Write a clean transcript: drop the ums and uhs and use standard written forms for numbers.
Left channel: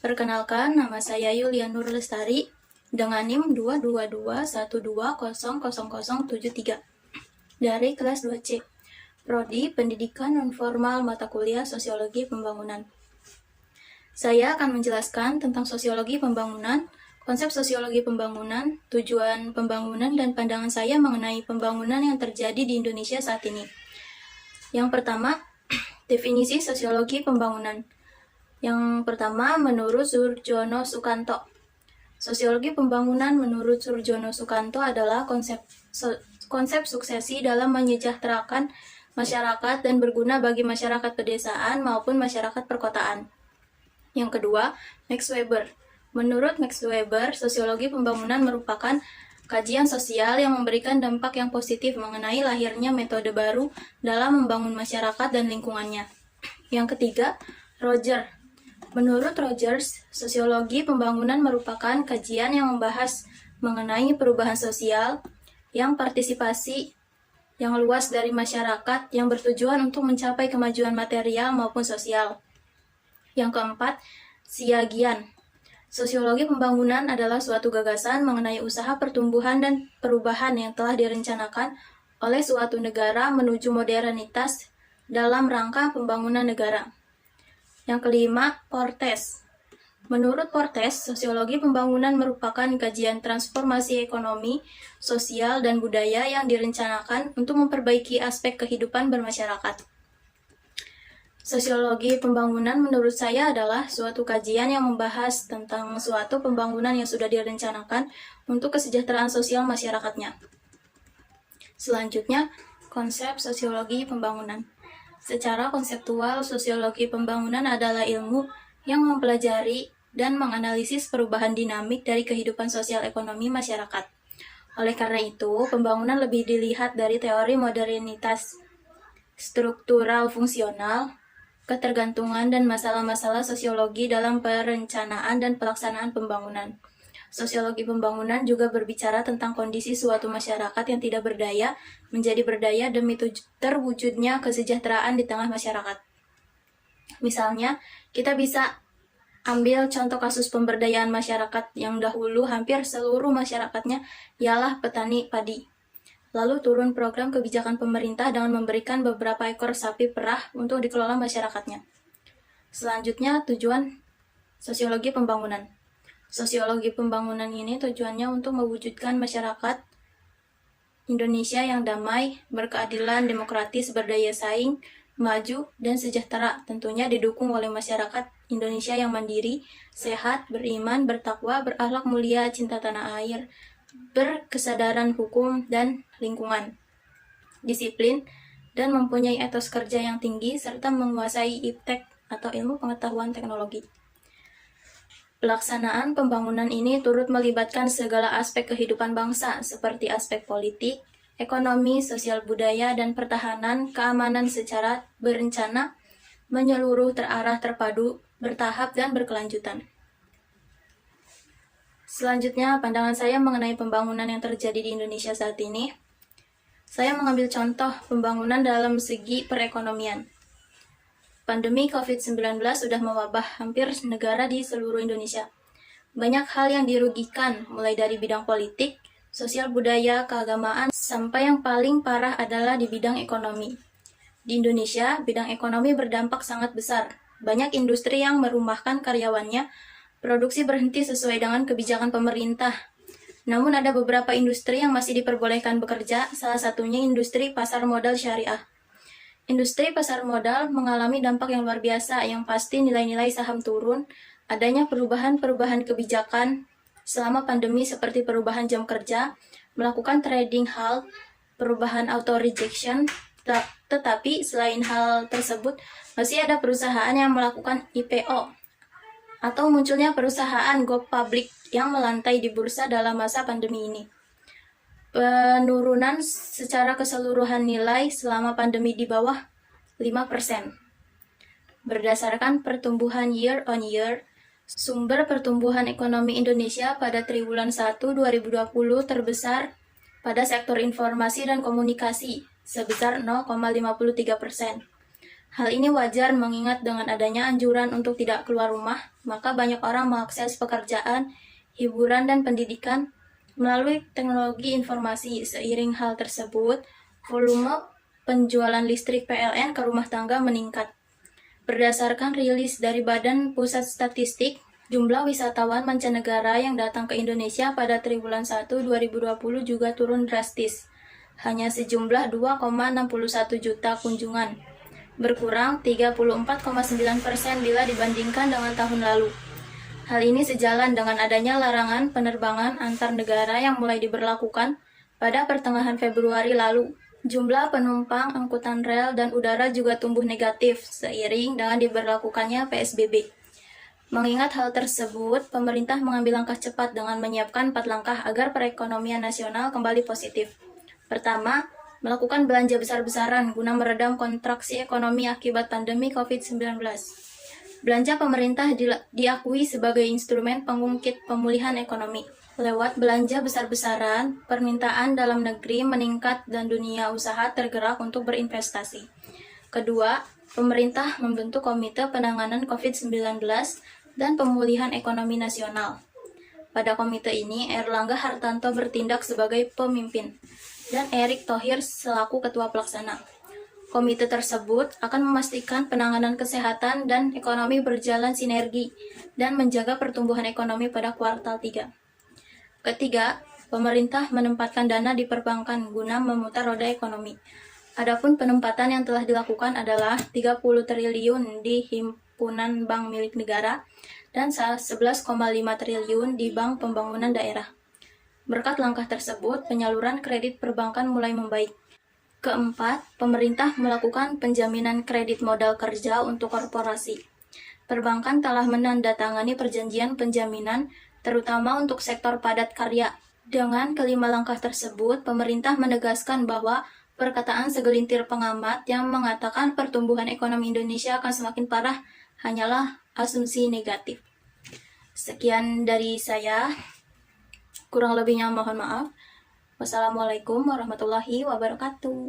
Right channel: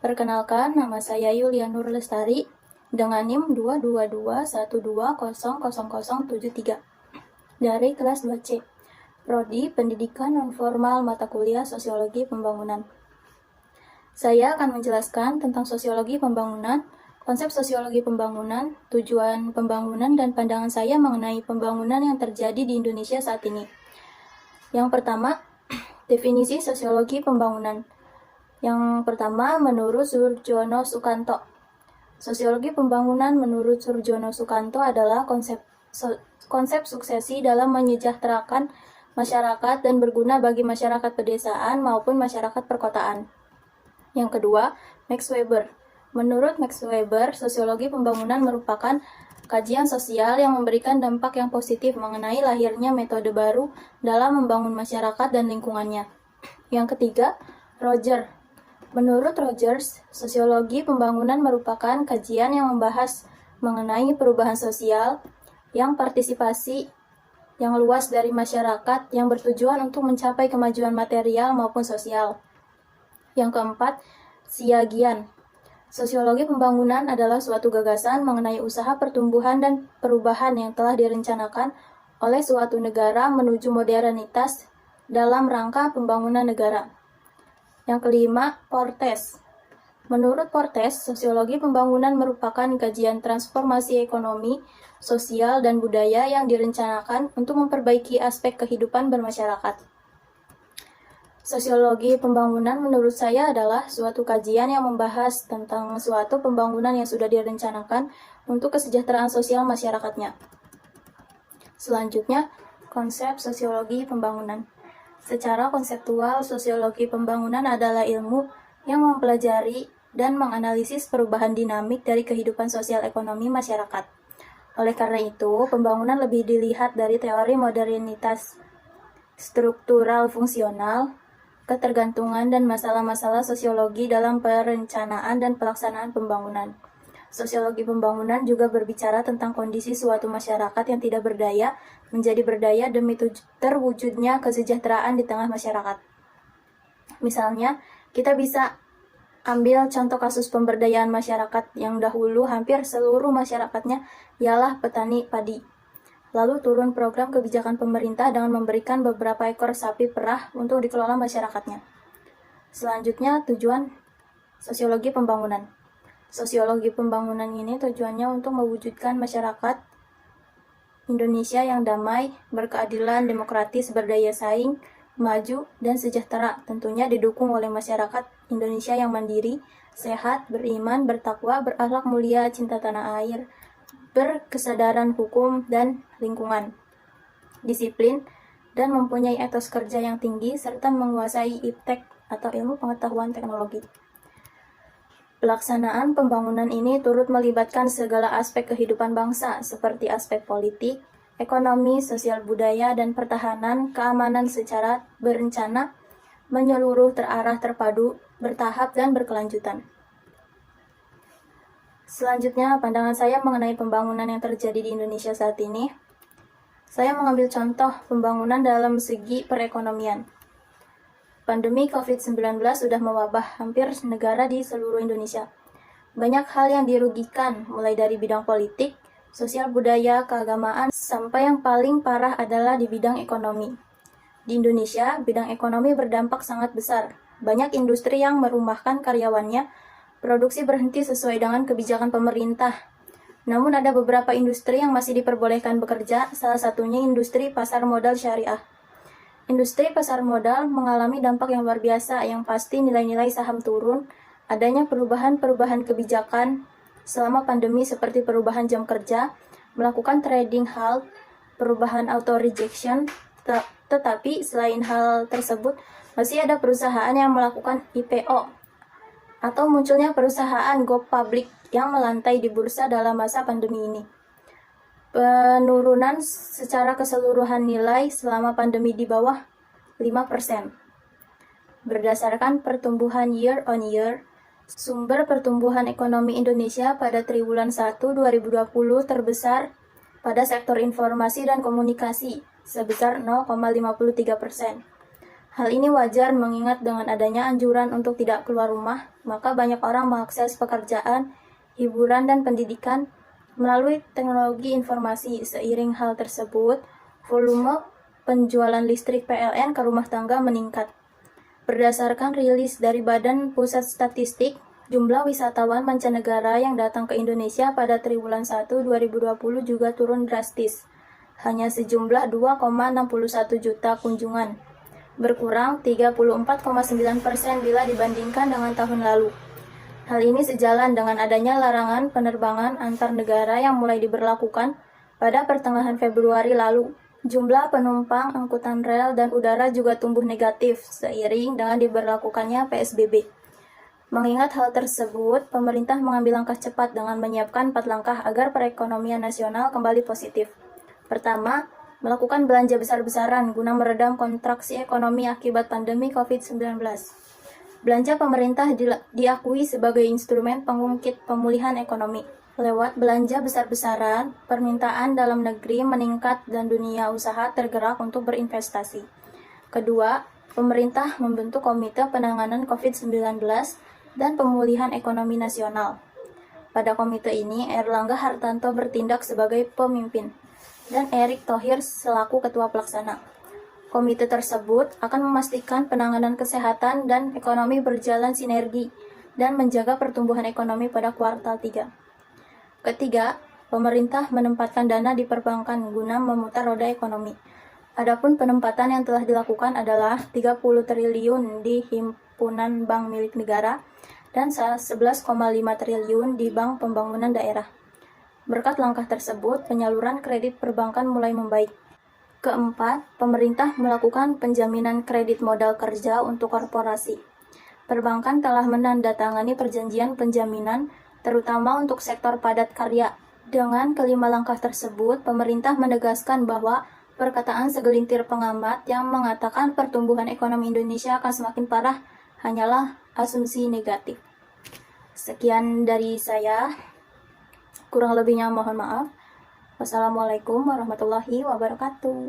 Perkenalkan, nama saya Yulia Nur Lestari dengan NIM 22212000073 dari kelas 2C, Prodi Pendidikan Nonformal Mata Kuliah Sosiologi Pembangunan. Saya akan menjelaskan tentang sosiologi pembangunan, konsep sosiologi pembangunan, tujuan pembangunan, dan pandangan saya mengenai pembangunan yang terjadi di Indonesia saat ini. Yang pertama, definisi sosiologi pembangunan. Yang pertama, menurut Surjono Sukanto. Sosiologi pembangunan menurut Surjono Sukanto adalah konsep suksesi dalam menyejahterakan masyarakat dan berguna bagi masyarakat pedesaan maupun masyarakat perkotaan. Yang kedua, Max Weber. Menurut Max Weber, sosiologi pembangunan merupakan kajian sosial yang memberikan dampak yang positif mengenai lahirnya metode baru dalam membangun masyarakat dan lingkungannya. Yang ketiga, Roger. Menurut Rogers, sosiologi pembangunan merupakan kajian yang membahas mengenai perubahan sosial yang partisipasi yang luas dari masyarakat yang bertujuan untuk mencapai kemajuan material maupun sosial. Yang keempat, Siagian. Sosiologi pembangunan adalah suatu gagasan mengenai usaha pertumbuhan dan perubahan yang telah direncanakan oleh suatu negara menuju modernitas dalam rangka pembangunan negara. Yang kelima, Portes. Menurut Portes, sosiologi pembangunan merupakan kajian transformasi ekonomi, sosial, dan budaya yang direncanakan untuk memperbaiki aspek kehidupan bermasyarakat. Sosiologi pembangunan menurut saya adalah suatu kajian yang membahas tentang suatu pembangunan yang sudah direncanakan untuk kesejahteraan sosial masyarakatnya. Selanjutnya, konsep sosiologi pembangunan. Secara konseptual, sosiologi pembangunan adalah ilmu yang mempelajari dan menganalisis perubahan dinamik dari kehidupan sosial ekonomi masyarakat. Oleh karena itu, pembangunan lebih dilihat dari teori modernitas struktural fungsional, ketergantungan, dan masalah-masalah sosiologi dalam perencanaan dan pelaksanaan pembangunan. Sosiologi pembangunan juga berbicara tentang kondisi suatu masyarakat yang tidak berdaya menjadi berdaya demi terwujudnya kesejahteraan di tengah masyarakat. Misalnya, kita bisa ambil contoh kasus pemberdayaan masyarakat yang dahulu hampir seluruh masyarakatnya ialah petani padi. Lalu turun program kebijakan pemerintah dengan memberikan beberapa ekor sapi perah untuk dikelola masyarakatnya. Selanjutnya, tujuan sosiologi pembangunan. Sosiologi pembangunan ini tujuannya untuk mewujudkan masyarakat Indonesia yang damai, berkeadilan, demokratis, berdaya saing, maju, dan sejahtera, tentunya didukung oleh masyarakat Indonesia yang mandiri, sehat, beriman, bertakwa, berakhlak mulia, cinta tanah air, berkesadaran hukum dan lingkungan, disiplin, dan mempunyai etos kerja yang tinggi, serta menguasai iptek atau ilmu pengetahuan teknologi. Pelaksanaan pembangunan ini turut melibatkan segala aspek kehidupan bangsa, seperti aspek politik, ekonomi, sosial budaya, dan pertahanan, keamanan secara berencana, menyeluruh, terarah, terpadu, bertahap, dan berkelanjutan. Selanjutnya, pandangan saya mengenai pembangunan yang terjadi di Indonesia saat ini. Saya mengambil contoh pembangunan dalam segi perekonomian. Pandemi COVID-19 sudah mewabah hampir negara di seluruh Indonesia. Banyak hal yang dirugikan, mulai dari bidang politik, sosial budaya, keagamaan, sampai yang paling parah adalah di bidang ekonomi. Di Indonesia, bidang ekonomi berdampak sangat besar. Banyak industri yang merumahkan karyawannya, produksi berhenti sesuai dengan kebijakan pemerintah. Namun ada beberapa industri yang masih diperbolehkan bekerja, salah satunya industri pasar modal syariah. Industri pasar modal mengalami dampak yang luar biasa, yang pasti nilai-nilai saham turun, adanya perubahan-perubahan kebijakan selama pandemi seperti perubahan jam kerja, melakukan trading halt, perubahan auto rejection, tetapi selain hal tersebut, masih ada perusahaan yang melakukan IPO, atau munculnya perusahaan go public yang melantai di bursa dalam masa pandemi ini. Penurunan secara keseluruhan nilai selama pandemi di bawah 5%. Berdasarkan pertumbuhan year on year, sumber pertumbuhan ekonomi Indonesia pada triwulan 1 2020 terbesar pada sektor informasi dan komunikasi sebesar 0,53%. Hal ini wajar mengingat dengan adanya anjuran untuk tidak keluar rumah, maka banyak orang mengakses pekerjaan, hiburan, dan pendidikan melalui teknologi informasi. Seiring hal tersebut, volume penjualan listrik PLN ke rumah tangga meningkat. Berdasarkan rilis dari Badan Pusat Statistik, jumlah wisatawan mancanegara yang datang ke Indonesia pada triwulan 1 2020 juga turun drastis, hanya sejumlah 2,61 juta kunjungan, berkurang 34,9% bila dibandingkan dengan tahun lalu. Hal ini sejalan dengan adanya larangan penerbangan antar negara yang mulai diberlakukan pada pertengahan Februari lalu. Jumlah penumpang angkutan rel dan udara juga tumbuh negatif seiring dengan diberlakukannya PSBB. Mengingat hal tersebut, pemerintah mengambil langkah cepat dengan menyiapkan 4 langkah agar perekonomian nasional kembali positif. Pertama, melakukan belanja besar-besaran guna meredam kontraksi ekonomi akibat pandemi COVID-19. Belanja pemerintah diakui sebagai instrumen pengungkit pemulihan ekonomi. Lewat belanja besar-besaran, permintaan dalam negeri meningkat dan dunia usaha tergerak untuk berinvestasi. Kedua, pemerintah membentuk Komite Penanganan COVID-19 dan Pemulihan Ekonomi Nasional. Pada komite ini, Erlangga Hartarto bertindak sebagai pemimpin dan Erick Thohir selaku ketua pelaksana. Komite tersebut akan memastikan penanganan kesehatan dan ekonomi berjalan sinergi dan menjaga pertumbuhan ekonomi pada kuartal 3. Ketiga, pemerintah menempatkan dana di perbankan guna memutar roda ekonomi. Adapun penempatan yang telah dilakukan adalah 30 triliun di himpunan bank milik negara dan 11,5 triliun di Bank Pembangunan Daerah. Berkat langkah tersebut, penyaluran kredit perbankan mulai membaik. Keempat, pemerintah melakukan penjaminan kredit modal kerja untuk korporasi. Perbankan telah menandatangani perjanjian penjaminan terutama untuk sektor padat karya. Dengan kelima langkah tersebut, pemerintah menegaskan bahwa perkataan segelintir pengamat yang mengatakan pertumbuhan ekonomi Indonesia akan semakin parah hanyalah asumsi negatif. Sekian dari saya, kurang lebihnya mohon maaf. Wassalamualaikum warahmatullahi wabarakatuh.